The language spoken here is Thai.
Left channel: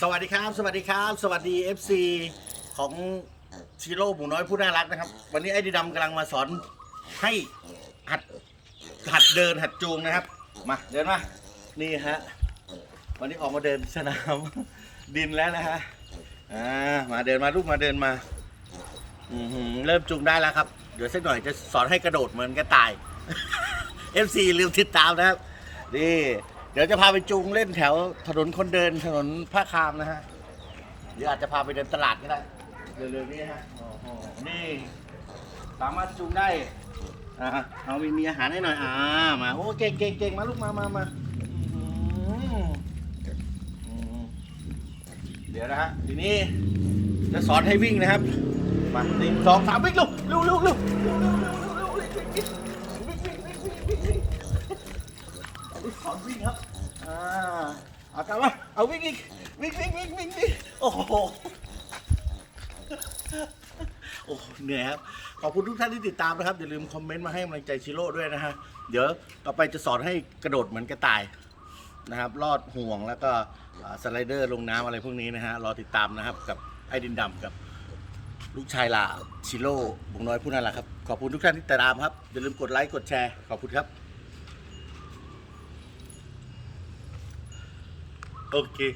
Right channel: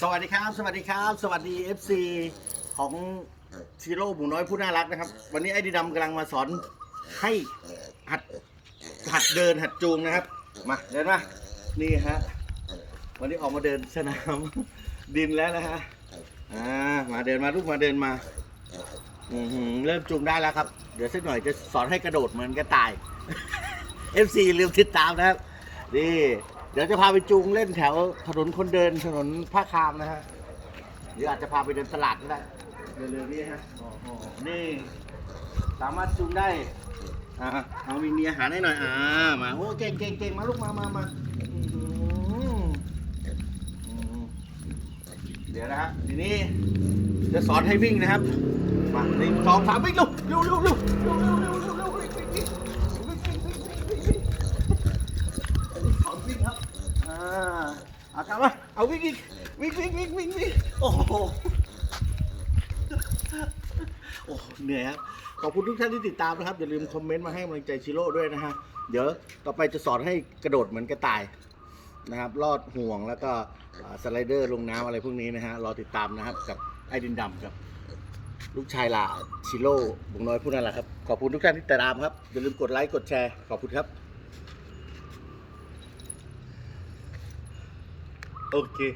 สวัสดีครับ สวัสดีครับ สวัสดี FC ของชิโร่หมูน้อยผู้น่ารักนะครับ วันนี้ไอ้ดีดำกำลังมาสอนให้หัดหัดเดินหัดจูงนะครับ มาเดินมานี่ฮะวันนี้ออกมาเดินสนาม ดินแล้วนะฮะอ่ามาเดินมาลูกมาเดินมาอือหือเริ่มจูงได้แล้วครับ เดี๋ยวสักหน่อยจะสอนให้กระโดดเหมือนกระต่าย FC ลืมติดตามนะครับนี่ เดี๋ยวจะพาไปจูงเล่นแถวถนนคนเดินถนนผ้าคามนะฮะเดี๋ยวอาจจะพาไปเดินตลาดก็ได้เร็วๆนี่ฮะโอ้โหนี่ สามารถจูงได้อ่าเอามีมีอาหารให้หน่อยอ่ามาโอ้เก่งเก่งเก่งมาลูกมามามาอืมเดี๋ยวนะฮะทีนี้จะสอนให้วิ่งนะครับมาหนึ่งสองสามวิ่งเร็วเร็วเร็วเร็วเร็วเวิ่งครับอ่าเอาตามมาเอาวิ่งอีกวิ่งวิ่งวิ่งวิ่งวิ่งโอ้โหโอ้เหนื่อยครับขอบคุณทุกท่านที่ติดตามนะครับอย่าลืมคอมเมนต์มาให้กำลังใจชิโร่ด้วยนะฮะเดี๋ยวต่อไปจะสอนให้กระโดดเหมือนกระต่ายนะครับลอดห่วงแล้วก็สไลเดอร์ลงน้ำอะไรพวกนี้นะฮะรอติดตามนะครับกับไอ้ดินดำกับลูกชายลาชิโร่บุงน้อยผู้นั้นแหละครับขอบคุณทุกท่านที่ติดตามครับอย่าลืมกดไลค์กดแชร์ขอบคุณครับ ഓക്കെ